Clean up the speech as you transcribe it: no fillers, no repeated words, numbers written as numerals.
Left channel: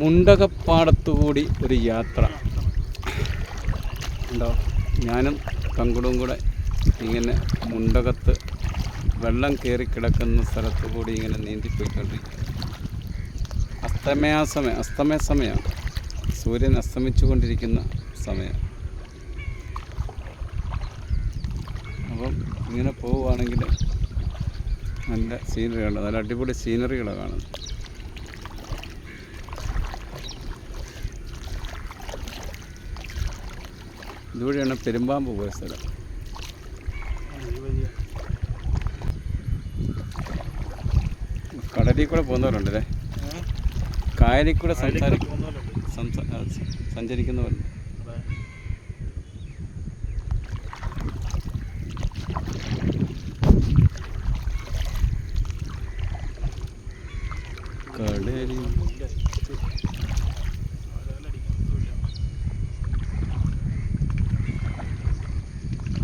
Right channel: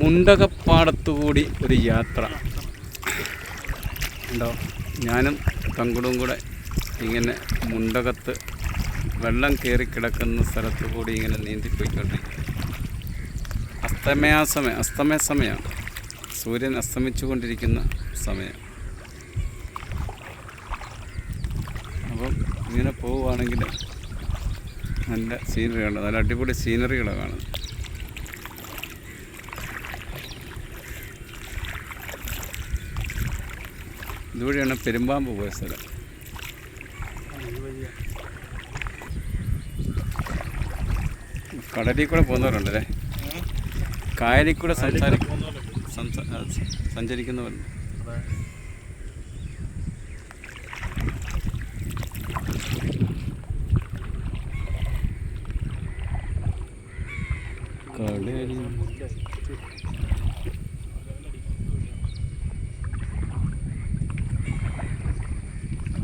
മുണ്ടകപ്പാടത്തുകൂടി ഒരു യാത്ര ഉണ്ടോ. ഞാനും തങ്കുടും കൂടെ ഇങ്ങനെ മുണ്ടകത്ത് വെള്ളം കയറി കിടക്കുന്ന സ്ഥലത്തു കൂടി ഇങ്ങനെ നീന്തിപ്പോയിക്കൊണ്ടിരിക്കുക. അസ്തമയ സമയമാണ്. സൂര്യൻ അസ്തമിച്ചു കൊണ്ടിരിക്കുന്ന സമയം. അപ്പം ഇങ്ങനെ പോവുകയാണെങ്കിൽ നല്ല സീനറികളുണ്ട്, നല്ല അടിപൊളി സീനറികളാണ് കാണുന്നത്. ഇതുവഴിയാണ് പെരുമ്പാമ്പ് പോയ സ്ഥലം. കടലിൽ കൂടെ പോകുന്നവരുണ്ടല്ലേ, കായലിൽ കൂടെ സഞ്ചരിക്കുന്നവരുണ്ട്. കടലിൽ